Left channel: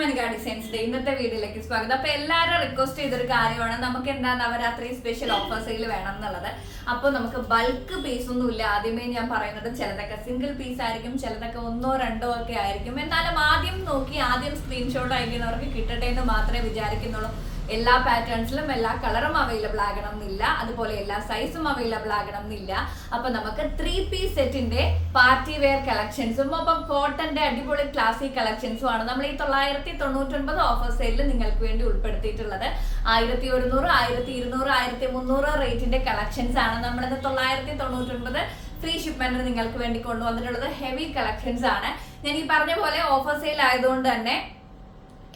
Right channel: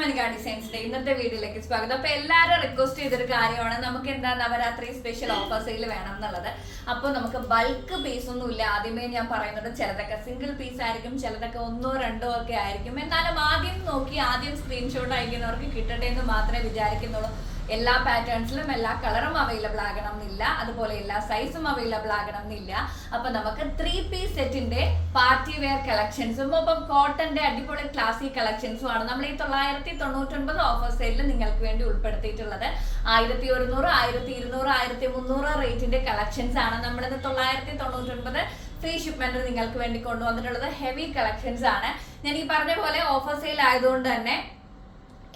മനിക ഡിസൈൻസിന്റെ ഇന്നത്തെ വീഡിയോയിലേക്ക് സ്വാഗതം. അപ്പൊ എല്ലാവരും റിക്വസ്റ്റ് ചെയ്തൊരു കാര്യമാണ്. നമുക്ക് എന്താ നവരാത്രി സ്പെഷ്യൽ ഓഫർ സെയിൽ വേണം എന്നുള്ളത്. അപ്പോൾ നമുക്ക് ബൾക്ക് പീസ് ഒന്നും ഇല്ല. ആദ്യമേ ഞാൻ പറയുന്നത് ചിലതൊക്കെ സിംഗിൾ പീസ് ആയിരിക്കും ചിലതൊക്കെ ഒന്നോ രണ്ടോ ഒക്കെ ആയിരിക്കും. എന്നാലും ആദ്യം നോക്കി ആദ്യം സ്ക്രീൻഷോട്ട് അയക്കുന്നവർക്ക് കിട്ടട്ടെ എന്ന് മാത്രമേ വിചാരിക്കുന്നുള്ളൂ. എല്ലാ പാറ്റേൺസിലും എല്ലാ കളറും അവൈലബിൾ ആകണം എന്നില്ല അതുപോലെ എല്ലാ സൈസും അവൈലബിൾ ആകണം എന്നില്ല അപ്പൊ നമുക്ക് ത്രീ പീസ് സെറ്റിന്റെ പാർട്ടി വെയർ കളക്ഷൻസും ഒപ്പം കോട്ടന്റെ അടിപൊളി ക്ലാസിക് കളക്ഷൻസും ആണ് നമ്മൾ ഈ തൊള്ളായിരത്തി തൊണ്ണൂറ്റൊൻപത് ഓഫർ സെയിലിൽ നിങ്ങൾക്ക് വേണ്ടി ഉൾപ്പെടുത്തിയിട്ടുള്ളത്. ആയിരത്തി ഒരുന്നൂറ് ആയിരത്തി ഇരുന്നൂറ് ആയിരത്തി മുന്നൂറ് റേറ്റിന്റെ കളക്ഷൻസ് ആണ് നമ്മളിത് തൊള്ളായിരത്തി തൊണ്ണൂറ്റൊൻപത് ഫ്രീ ഷിപ്മെന്റ് നിങ്ങൾക്ക് വേണ്ടി കൊണ്ടുവന്നിട്ടുള്ളത്. ഹെവി കളക്ഷൻസ് ആണ്. ഞാൻ ഈ പറഞ്ഞ പോലെ ഓഫർ സെയിൽ ആയതുകൊണ്ട് തന്നെ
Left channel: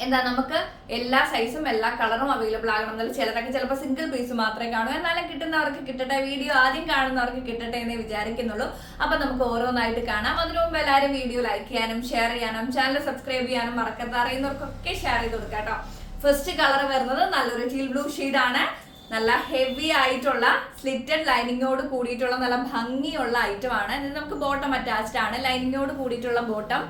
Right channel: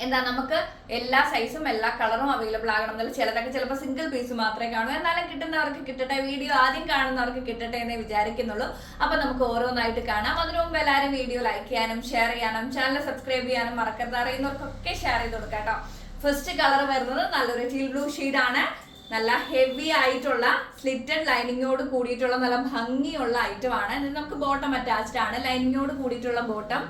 എന്താ നമുക്ക് എല്ലാ സൈസും എല്ലാ കളറും അവൈലബിൾ ആകണം എന്നല്ല ചിലതൊക്കെ ചിലപ്പോൾ സിംഗിൾ പീസ് മാത്രമേ കാണൂ. എന്നാലും കിട്ടുന്നവർക്ക് കിട്ടട്ടെ വീഡിയോ ആദ്യം കാണുന്നവർക്ക് കിട്ടട്ടെ എന്നേ വിചാരിക്കുന്നുള്ളൂ. അപ്പൊ നമുക്ക് ഓരോന്നായിട്ട് കാണാം. അതിനു മുമ്പ് എല്ലാവരും വീഡിയോ ലൈക്ക് ചെയ്യാനും ഷെയർ ചെയ്യാനും ചാനൽ സബ്സ്ക്രൈബ് ചെയ്യാനും മറക്കരുത്. അറിയുന്നവർക്കൊക്കെ ഷെയർ ചെയ്ത് കൊടുക്കാം ഫസ്റ്റ് കളർ വരുന്നത് നല്ലൊരു ചീൽ ബ്ലൂ ആണ്. നല്ല ഹെവി ആയിട്ടുള്ള സ്ലിറ്റഡ് ലൈനിങ്ങോട് കൂടിയിട്ടുള്ള നല്ല ഭംഗിയുള്ള ഐറ്റം ആണ്. നമുക്ക് ബോട്ടം അറ്റാച്ച്ഡ് ആണ്. ലൈനിങ്ങോട് കൂടിയിട്ടുള്ള ബോട്ടം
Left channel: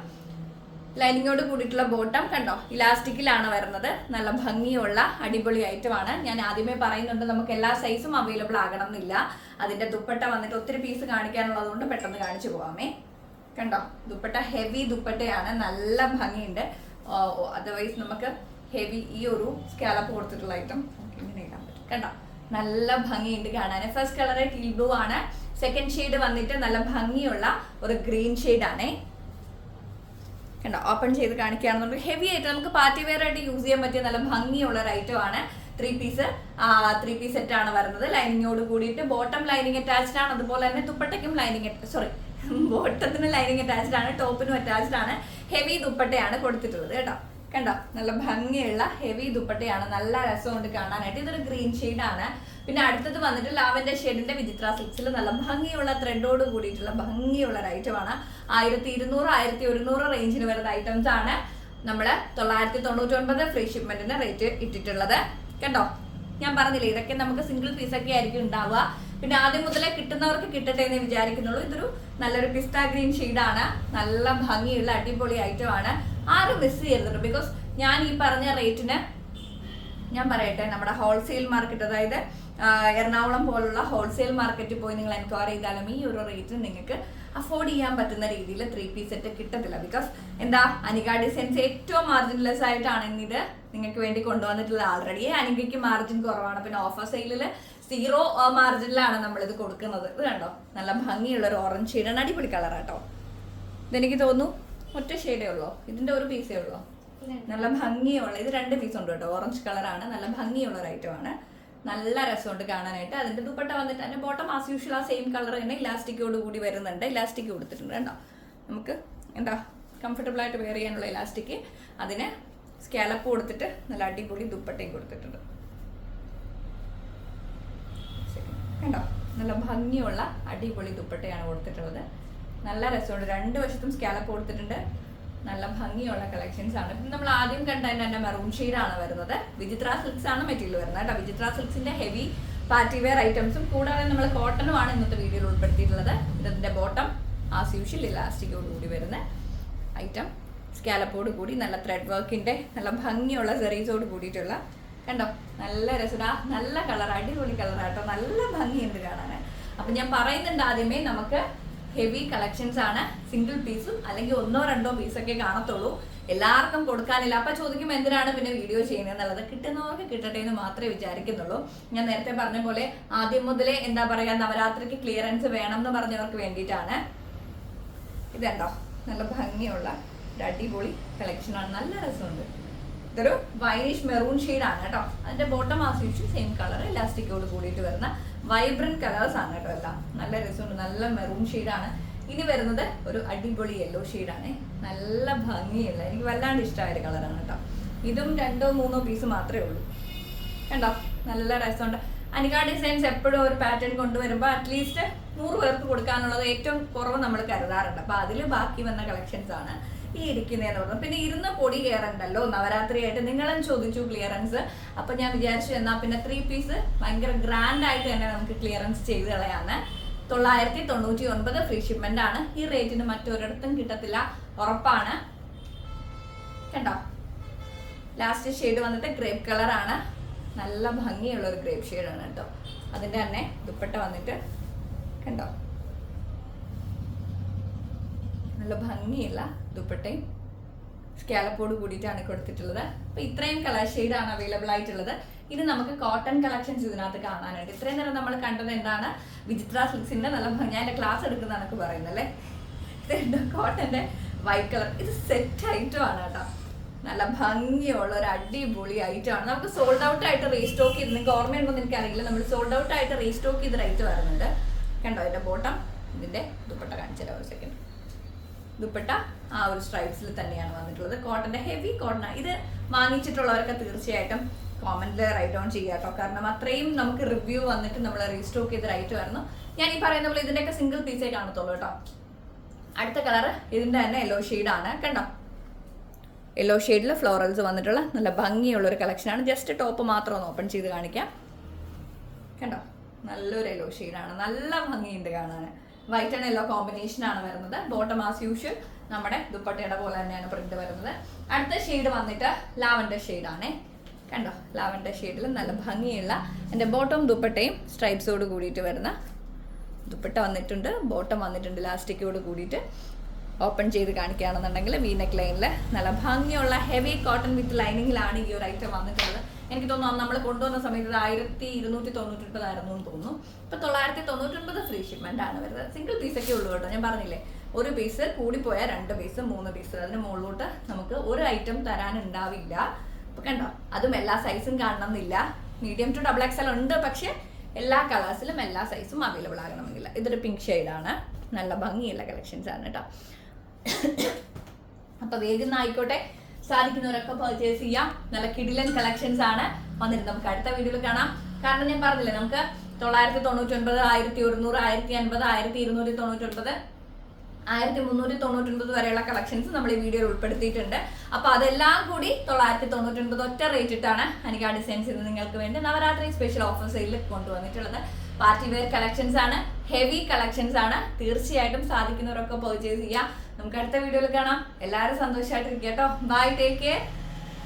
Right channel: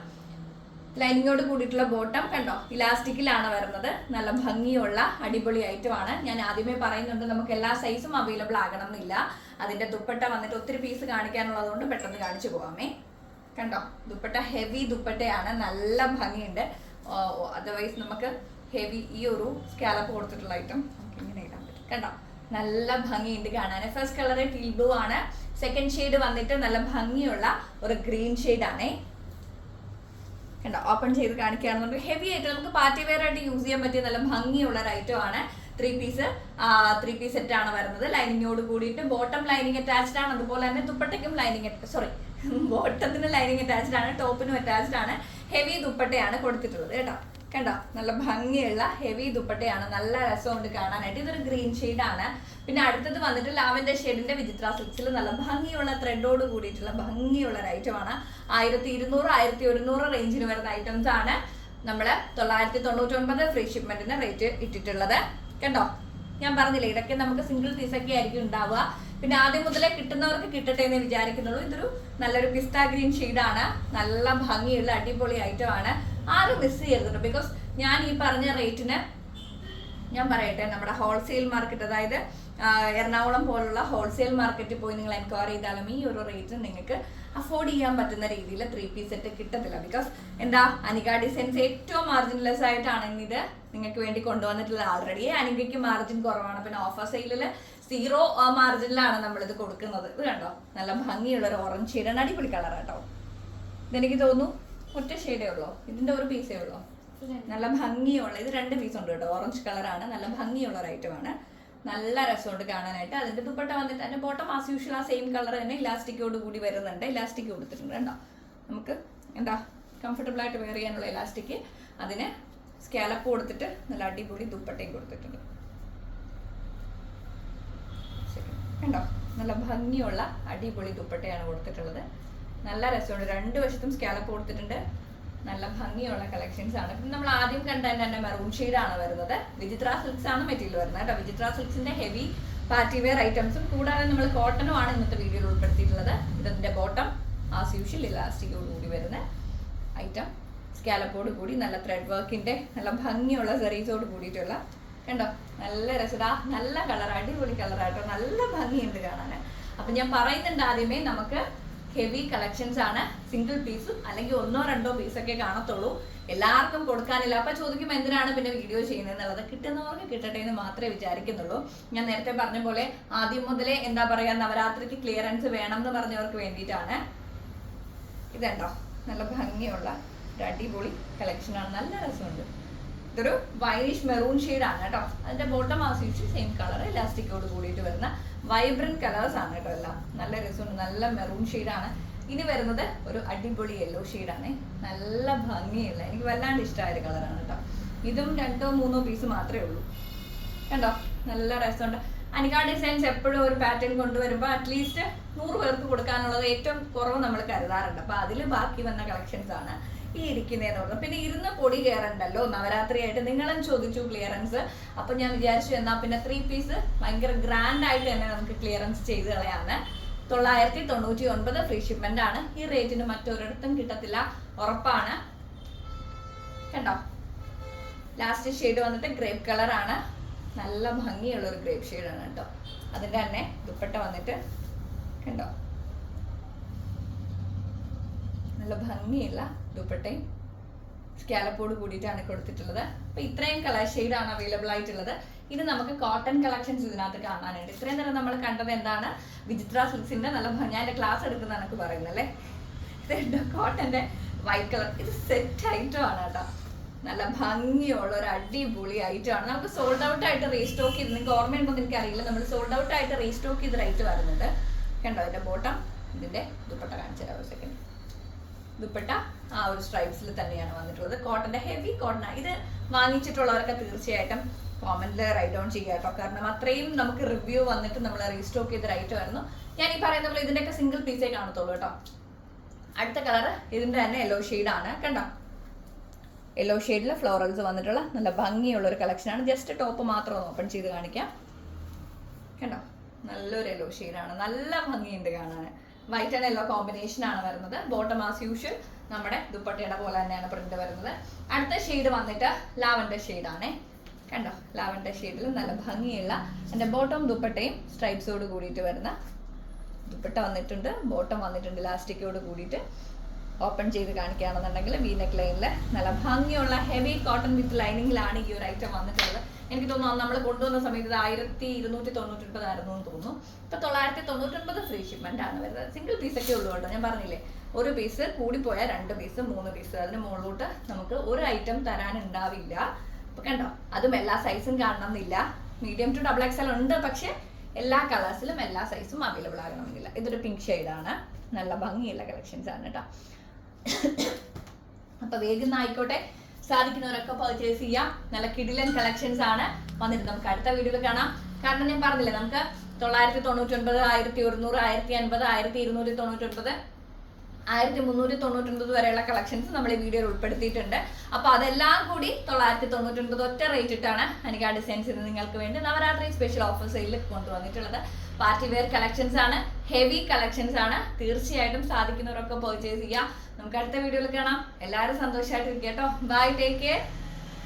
ലൈനിങ്ങോട് കൂടിയിട്ടുള്ള ബോട്ടം കണ്ടോ? ഇലാസ്റ്റിക്കിലാണ് വരുന്നത്. നല്ല ഭംഗിയുള്ള അടിപൊളി ഐറ്റം ആണ് ഞാൻ ആദ്യമേ പറയുന്നുണ്ട് നമുക്ക് എല്ലാ സൈസും അവൈലബിൾ ആകണം എന്നില്ല അതിന്റെ ദുപ്പട്ട വന്നിട്ട് ഒത്തിരി പീസ് കാണിക്കാനുള്ളത് കൊണ്ട് പെട്ടെന്ന് കാണിച്ചു പോവാമേ. കണ്ടോ? ദുപ്പട്ട ഹെവി ദുപ്പട്ടയാണ്. നല്ല ഭംഗിയുണ്ട്. അതർവൈസ് നമുക്ക് ഹെവി ഈ ഒരു സ്കാലപ്പ് കൊടുത്തിട്ടുള്ള ഐറ്റം ഇങ്ങനെ ഇടാൻ പറ്റും. കണ്ടോ? നല്ല ഭംഗിയുണ്ട് കാണാൻ. ഫസ്റ്റ് കളർ ടീൽ ബ്ലൂ ആണ്. സെക്കൻഡ് ഷെയ്ഡ് വന്നിട്ട് നല്ല ഭംഗിയുള്ള ഒരു ഗ്രീൻ ഷെയ്ഡ് ആണേ. കണ്ടോ? ഓപ്പൺ ചെയ്ത് കാണിക്കുകയാണെന്നുണ്ടെങ്കിൽ ഹെവി ആയിട്ട് നമുക്ക് പാർട്ടി വെയർ ആയിട്ട് യൂസ് ചെയ്യാൻ പറ്റിയ നല്ല ഭംഗിയുള്ള ഒരു ഐറ്റം ആണ് three piece three piece set ആണ് വരുന്നത്. ലൈനിങ്ങോട് കൂടിയിട്ട് ബോട്ടം ലൈനിങ് അറ്റാച്ച്ഡ് ആണ്. അതുപോലെ തന്നെ ദുപ്പട്ടയ്ക്കും ലൈനിങ് സോറി ബോട്ടത്തിന് ലൈനിങ് അറ്റാച്ച്ഡ് ആണ്. ടോപ്പിനും അറ്റാച്ച്ഡ് ആണ്. ഹെവി ദുപ്പട്ടയാണ് കൊടുത്തിട്ടുള്ളത് കേട്ടോ. കണ്ടോ? നല്ല ഭംഗിയുള്ള ഹെവി ദുപ്പട്ടയാണ്. നല്ല രസമുണ്ട് കാണാനായിട്ട്. ഇതൊരു ഗ്രീൻ ആണ്. പിന്നെ അടുത്തത് വന്നിട്ട് ലാവൻഡർ ഷെയ്ഡിന്റെ വിചിത്ര സിൽക്സിൽ നല്ല ഭംഗിയുള്ള ത്രെഡോട് കൂടിയിട്ടുള്ള ഭംഗിയുള്ള ഒരു ഐറ്റമാണ് ആയിരത്തി ഇരുന്നൂറ് ആയിരത്തി ഒരുന്നൂറ് റേഞ്ചിൽ വരുന്ന ഐറ്റംസ് ആണ് നമ്മൾ തൊള്ളായിരത്തി തൊണ്ണൂറ്റി ഒൻപത് ഫ്രീ ഷിപ്മെന്റിന് റേറ്റ് ഇട്ടിട്ടുള്ളത്. കേട്ടോ? ഞാൻ പറഞ്ഞില്ലേ ഇതൊക്കെ നമുക്ക് സിംഗിൾ പീസ് ഒക്കെ ആയിരിക്കും ഉണ്ടാവുക. പിന്നെ ആദ്യം മുതലേ കിട്ടുന്നവർക്ക് കിട്ടട്ടെ എന്ന് വിചാരിക്കുന്നുള്ളൂ. ഇതൊരു നല്ലൊരു പിസ്ത ഗ്രീൻ ഷെയ്ഡാണ് നല്ല ഭംഗിയുള്ള അടിപൊളി ഐറ്റമാണ് ആരും മിസ് ചെയ്യരുത് ബിക്കോസ് ഞാൻ ഈ പറഞ്ഞ റേറ്റിന് ഞാൻ പറയട്ടെ നമ്മുടെ ഹോൾസെയിൽ മാർക്കറ്റ് അതായത് എറണാകുളം പോലുള്ള ഹോൾസെയിൽ മാർക്കറ്റിൽ പോയി നിങ്ങൾ എൻക്വയറി ചെയ്താലും ഈ ഒരു റേറ്റിന് നിങ്ങൾക്ക് അഫോർഡ് ചെയ്യാൻ പറ്റുന്ന രീതിയിൽ ത്രീ പീസ് സെറ്റ് കിട്ടത്തില്ല. ബിക്കോസ് എന്താ അനിക ഡിസൈൻസ് ഏറ്റവും മാർജിൻലെസ് ആയിട്ടാണ് ഇന്നിത് നിങ്ങൾക്ക് വേണ്ടി കൊണ്ടുവന്നിട്ടുള്ള ആൾറെഡി അനികയ്ക്ക് മാർജിൻ കുറവാണ്. പിന്നെ ഓഫർ സെയിലിൽ സീറോ മാർജിനിലാണ് നമ്മളിത് കൊടുക്കുന്നത്. ഇത് കണ്ടോ? നല്ല ഭംഗിയുള്ള ഒരു ഓറഞ്ച് ഷെയ്ഡാണ് അടിപൊളി കളർ കേട്ടോ. ഇതെനിക്ക് തോന്നുന്നു ഒറ്റ ഷെയ്ഡേ ഉള്ളൂ? ഇതിന്റെ ഒരു പീസേ ഉള്ളൂ? നല്ല ഭംഗിയുള്ള ഇത് രണ്ട് പീസ് ഉണ്ട് കേട്ടോ. ഓറഞ്ച് കളറാണ് നല്ല ഭംഗിയുള്ള ഒരു ഐറ്റം ആണ്. നല്ല രസമുണ്ട് കാണാനായിട്ട്. അതിന്റെ ദുപ്പട്ട വന്നിട്ട് അതിന്റെ ബോട്ടം ആസ് യൂഷ്വൽ ആ സെയിം കളർ തന്നെ ഇലാസ്റ്റിക്കോട് കൂടി വരുന്നുണ്ട്. ഇലാസ്റ്റിക് കൊടുത്തിട്ടുണ്ട് കേട്ടോ. നമുക്ക് എന്താ കംഫർട്ടബിൾ ആയിട്ട് വെയർ ചെയ്യാനുള്ള ഇലാസ്റ്റിക് അതിന് സ്കാലപ്പ് കൊടുത്തിട്ട് നല്ല അടിപൊളി ദുപ്പട്ടയും കൊടുത്തിട്ടുണ്ട്. കണ്ടോ? നല്ല ഭംഗിയുള്ള അടിപൊളി ദുപ്പട്ടയാണ് കൊടുത്തിട്ടുള്ളത്. നല്ല രസമുണ്ട്. രണ്ട് വശത്തും സ്കാലപ്പ് കൊടുത്തിട്ടുണ്ട്. നല്ല ഭംഗിയുള്ള കളക്ഷൻസ് ആണ്. ഇപ്പം നമ്മൾ ആദ്യം കണ്ട തന്നെ മെറൂൺ ആണ് വരുന്നത്. വിചിത്ര സിൽക്സ് ആണ് മെറ്റീരിയൽ വരുന്നത് കേട്ടോ. വിചിത്ര സിൽക്സിന്റെ ഹെവി പാർട്ടി വെയർ ഐറ്റംസും കൂടാതെ നമ്മൾ കോട്ടണും ആണ് ഇന്നത്തെ വീഡിയോയിൽ ഉൾപ്പെടുത്തിയിട്ടുള്ളത്. ഇതിന്റെ ബോട്ടം ആസ് യൂഷ്വൽ ഇലാസ്റ്റിക്കോട് കൂടി വരുന്ന ഐറ്റം സ്കാലപ്പോട് കൂടി നല്ല ത്രെഡ് വർക്കിന്റെ നല്ല ഭംഗിയുള്ള സെറീസോട് കൂടിയിട്ടുള്ള കണ്ടോ? നല്ല രസടാ നല്ല കളർ അടിപൊളി കളറാട്ടോ നല്ല ഭംഗിയുണ്ട് കാണാൻ. അപ്പൊ ഞാൻ പറയുന്നുണ്ട് ആദ്യമേ നമുക്ക് ഹെവി കളക്ഷൻസ് ആണ്. സിംഗിൾ പീസും അല്ലെങ്കിൽ ഒന്നോ രണ്ടോ പീസൊക്കെ കാണത്തുള്ളൂ. എല്ലാവർക്കും കൊടുക്കാനില്ല. അപ്പൊ ചോദിക്കുമ്പോൾ എന്തിനാണ് പിന്നെ വീഡിയോ ചെയ്യുന്നത്? എന്നുള്ളത്. കിട്ടുന്നവർക്ക് കിട്ടട്ടെ എന്ന് മാത്രമേ വിചാരിക്കുന്നുള്ളൂ. ഞാൻ നേരത്തെ പറഞ്ഞ പോലെ ആദ്യം മുതലേ എന്താ പറയാ നവരാത്രിക്ക് ക്ലിയറൻസ് വേണം എന്ന് പറഞ്ഞവർക്ക് വേണ്ടിയിട്ടാണ്. ഇതുണ്ടോ? നല്ല ഭംഗിയുള്ള ഒരു അടിപൊളി കളക്ഷനാണ് നല്ല രസമുണ്ട്. ഇതൊരു വൈനിഷ് മെറൂൺ ആണ് കേട്ടോ. അതിന്റെ ബോട്ടം ആസ്വദിച്ച് സെയിം കളർ ഇലാസ്റ്റിക്കോട് കൂടിയിട്ട് വരുന്ന വൈബ്രന്റ് കളേഴ്സ് ആണ് കേട്ടോ എല്ലാം. നല്ല രസമുണ്ട്. നല്ല മെറൂൺ ഷെയ്ഡാണ് ഇനി വരുന്നത് ഒരു അടിപൊളി യെല്ലോ ഷെയ്ഡാണ് നല്ല ഭംഗിയുള്ള എനിക്ക് വല്ലാണ്ട് ഇഷ്ടമായ ഒരു കളറാണ് കേട്ടോ. ഇതും രണ്ടോ മൂന്നോ പീസ് മാത്രമേ ഉള്ളൂ. കണ്ടോ? നല്ല രസമുണ്ട്. അനിക ഡിസൈൻസ് എപ്പോഴും ഒരു പാറ്റേൺ കൊണ്ടുവരുമ്പോൾ അറ്റ്ലീസ്റ്റ് നൂറ് പേർക്ക് കൊടുക്കാനുള്ളത് ഏറ്റവും കുറവ് നമ്മൾ കരുതാറുണ്ട്. അപ്പോൾ അതിൽ ബാക്കി വന്ന കളക്ഷൻസ് ആണ്. ഈ ഇരിക്കുന്നതെന്ന് പറഞ്ഞു പിന്നെ ഇരുന്ന പൊടി കയറണ്ടല്ലോ നവരാത്രിയായിട്ട് നിങ്ങളും ചോദിച്ചു ക്ലിയറൻസ്. അപ്പൊ ഞാൻ വിചാരിച്ചു എന്നാ പിന്നെ ത്രീ പീസ് ഭയങ്കര ഗ്രാൻഡ് ആയിട്ട് തന്നെ നമുക്ക് ക്ലിയറൻസ് ചെയ്ത് കളയാന്ന്. തൊള്ളായിരത്തി തൊണ്ണൂറ്റി ഒൻപത് ഫ്രീ ഷിപ്മെന്റ് ആണ്. ഈ റേറ്റിന് മറ്റൊരിടത്തും കിട്ടത്തില്ല. ഉറപ്പാണ്. കണ്ടോ? ലാസ്റ്റ് ഷെയ്ഡ് വന്നിട്ട് ഗ്രേപ്പ് കളറാണ് നല്ല ഭംഗിയുള്ള ഒരു ഗ്രേപ്പ് ഷെയ്ഡാണ് കേട്ടോ. അതിന്റെ തന്നെ ദുപ്പട്ട വന്നിട്ട് കണ്ടോ? നല്ല ഭംഗിയുള്ള ദുപ്പട്ടയും സ്കാലപ്പോട് കൂടിയിട്ടാണ് കൊടുത്തിട്ടുള്ളത്. അപ്പൊ ഇത്രയും കളർ ഷെയ്ഡാണ് അവൈലബിൾ ആയിട്ടുള്ളത്. ഇനി നമുക്ക് കോട്ടൺ കളക്ഷൻസ് ഇതിനകത്ത് കാണാനുണ്ട്. ഇത്രയും നേരം നമ്മൾ കണ്ടത് എന്താണ്? വിചിത്ര സിൽക്സിന്റെ നല്ല ഭംഗി. ഞാൻ ക്ലാസ് എടുക്കുന്ന പറയുന്നല്ലേ ഇതുണ്ട് കോട്ടന്റെ വൈറ്റ് കളർ ഇത് സെറ്റ് ഐറ്റം ആണ് കേട്ടോ. നല്ല ഭംഗിയുള്ള ഒരു അടിപൊളി ഐറ്റം ആണ്. നമുക്ക് സോൾഡ് ഔട്ട് ആയിട്ട് റീസ്റ്റോക്ക് ചെയ്ത് നിങ്ങൾക്ക് ഓർമ്മയുണ്ടോ എന്ന് എനിക്കറിയില്ല. നമ്മൾ സോൾഡ് ഔട്ട് ആയിട്ട് റീസ്റ്റോക്ക് ചെയ്ത് റൈറ്റ് വരുന്നുണ്ട് കണ്ടോ? അതിന്റെ ബോട്ടം ഇതിന്റെ ദുപ്പട്ട കാണിച്ചു ഒരു സെക്കൻഡ് ദുപ്പട്ട ആ ഒരു സ്ട്രൈപ്സിൽ തന്നെയാണ് വന്നിട്ടുള്ളത്. കോട്ടന്റെ ഹെവി കോട്ടൺ ഇത് വാങ്ങിച്ചിട്ടുള്ളവരൊക്കെ തീർച്ചയായിട്ടും കോമന്റിൽ റൈറ്റ് ഡൗൺ കേട്ടോ. കാരണം അത്രയും നമുക്ക് റിവ്യൂ വന്നിട്ട് നമ്മൾ റീസ്റ്റോക്ക് ചെയ്ത് റൈറ്റ് വരുന്നു. ഞാൻ ഈ പറയുന്ന പോലെ ഇതിന്റെയൊക്കെ സിംഗിൾ പീസേ കാണത്തുള്ളൂ കേട്ടോ. അടുത്ത കളർ ഇതിന്റെ തന്നെ യെല്ലോ ആണ്. കണ്ടോ? യെല്ലോ ഷെയ്ഡിൽ ഫ്ലോറൽസ് വന്നിട്ടുള്ള നല്ല ഭംഗിയുള്ള ഒരു കളക്ഷനാണ് ജസ്റ്റ് ടോപ്പ് മാത്രം ഒന്ന് ഓപ്പൺ ചെയ്ത് കാണിക്കാം. കണ്ടോ? നല്ലൊരു യെല്ലോ ഷെയ്ഡാണ് നല്ല ഭംഗിയുണ്ട് കാണാൻ. വൈറ്റ് ആൻഡ് യെല്ലോ കോമ്പിനേഷൻ ആണ് വരുന്നത്. ബോട്ടം ആസ് യൂഷ്വൽ നമ്മുടെ ദുപ്പട്ടയുടെ പോലെ തന്നെയാണ് പ്രിന്റ് വരുന്നത്. അടുത്ത ഷെയ്ഡ് വന്നിട്ട് ലാവൻഡർ ആണ്. കണ്ടോ? ലാവൻഡർ ഷെയ്ഡിൽ നല്ല ഭംഗിയുള്ള എന്റെ ബോട്ടം ദുപ്പട്ടയും സ്ട്രൈപ്സോട് കൂടിയിട്ട് വരുന്ന ദുപ്പട്ട വന്നിട്ടുണ്ട്. ബോട്ടം വന്നിട്ടുണ്ട് ലാസ്റ്റിക്കോട് കൂടിയിട്ട്. ഓപ്പൺ ചെയ്ത് കാണിക്കുകയാണെന്നുണ്ടെങ്കിൽ വീനക്ക് നെക്ക് ലൈനിൽ നല്ല ഭംഗിയുള്ള ഹെവി കോട്ടൺ വിത്ത് ലൈനിങ്ങിലാണ് ഈ ഒരു ഐറ്റം വന്നിട്ടുള്ളത്. എനിക്ക് തോന്നുന്നു നമ്മൾ കൊണ്ടുവന്ന സമയത്ത് ഇത് ആയിരത്തി ഇരുന്നൂറ്റി തൊണ്ണൂറ്റി ഒൻപതായിരുന്നു എന്ന് തോന്നുന്നു. ഇപ്പൊ തൊള്ളായിരത്തി തൊണ്ണൂറ്റി ഒൻപത് ഫ്രീ ഷിപ്മെന്റ് ആണ് വരുന്നത്. സിംഗിൾ പീസ് ഒക്കെ ഉള്ളൂ കേട്ടോ. ഞാൻ പറഞ്ഞില്ലേ ഒരു പീസ് കൂടിപ്പോയാൽ രണ്ട് പീസ് മൂന്ന് പീസ് അതിന് മുകളിലോട്ട് നമുക്ക് ഒരു ഐറ്റം തരാനുണ്ടാവില്ല. ഇപ്പൊ കണ്ടോ? അതും എല്ലാ സൈസും കാണണമെന്നില്ല. മീഡിയം ടു ഡബിൾ എക്സൽ ഉണ്ട് പക്ഷെ എല്ലാ കളേഴ്സിലും എല്ലാ സൈസും അവൈലബിൾ ആകണമെന്നില്ല. ഇതൊരു പിങ്ക് ഷെയ്ഡാണ് നല്ല ഭംഗിയുള്ള കളക്ഷൻസ് ആണ് കേട്ടോ. അപ്പൊ വേഗം ആയിക്കോട്ടെ. സാധിക്കുന്നവരൊക്കെ പർച്ചേസ് ചെയ്യാം. നല്ല കിടിലൻ കളക്ഷൻസ് ആണ് വന്നിട്ട് നമുക്ക് അടുത്ത വീഡിയോയിൽ കാണാം. കാരണം ഞാൻ പറഞ്ഞില്ലേ നമുക്ക് തൊള്ളായിരത്തി തൊണ്ണൂറ്റി ഒൻപത് ആയിരത്തി ഒരുന്നൂറ് ആയിരത്തി അൻപത് ആയിരത്തി ഇരുന്നൂറ്റി തൊണ്ണൂറ്റി ഒൻപത് ആയിരത്തി മുന്നൂറ്റി തൊണ്ണൂറ്റൊൻപത് വരെയുള്ള കളക്ഷൻസ് നമ്മൾ ഈ വീഡിയോയിൽ ഉൾപ്പെടുത്തിയിട്ടുണ്ട്. അപ്പൊ അതെല്ലാം കൂടി തൊള്ളായിരത്തി തൊണ്ണൂറ്റൊൻപത് ഒറ്റ റേറ്റ് ഇട്ടാണ് അനിക ഡിസൈൻസ് ഇത് നിങ്ങൾക്ക് വേണ്ടി നവരാത്രി സ്പെഷ്യൽ ഓഫർ സെയിൽ കൊണ്ടുവന്നിട്ടുള്ളത്. പാർട്ടി വെയർ കളക്ഷൻസ് ആണ് ഹെവി കളക്ഷൻസ് ആണ്. തീർച്ചയായിട്ടും സാധിക്കുന്നവരൊക്കെ പർച്ചേസ് ചെയ്യാം. നമുക്ക് അടുത്ത വീഡിയോയിൽ കാണാം. എല്ലാവരും സന്തോഷമായിട്ടിരിക്കുക കേട്ടോ ബൈ ടേക്ക് കെയർ